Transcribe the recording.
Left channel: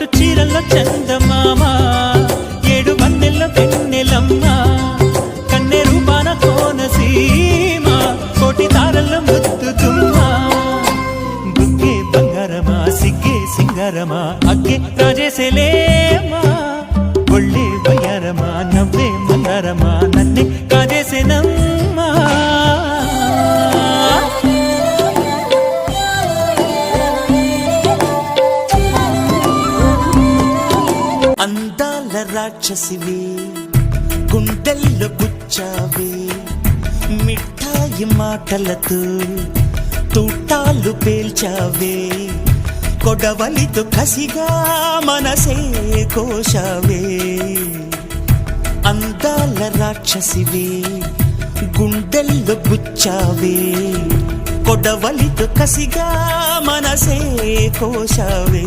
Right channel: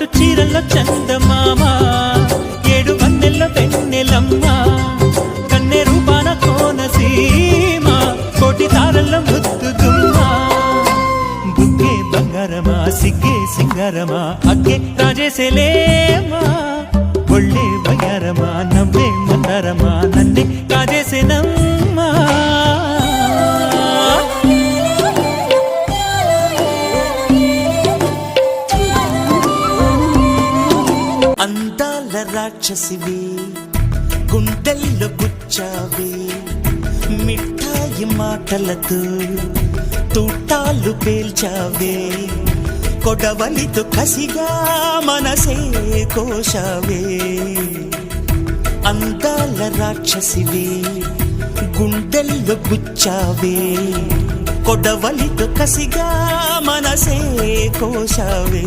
పట్టు చీరల్లో చందమామ, 7 వన్నెల్లో వెన్నెలమ్మ, కన్నె రూపాన కోనసీమ, కోటి తారల్లో ముద్దు దుమ్మ. బుగ్గే బంగారమా సిగ్గే సింగారమా, అగ్గే రాజేసేలేమా, ఒళ్ళే వయ్యారమా నవ్వే మందారమా, నన్నే కాజేసేనమ్మా. అందాల రాక్షసివే గుండెల్లో గుచ్చావే, మిఠాయి మాటలతో తూటాలు పేల్చావే, కొడవలితో కసిగా మనసే కోశావే. అందాల రాక్షసివే గుండెల్లో గుచ్చావే, కొడవలితో కసిగా మనసే కోశావే.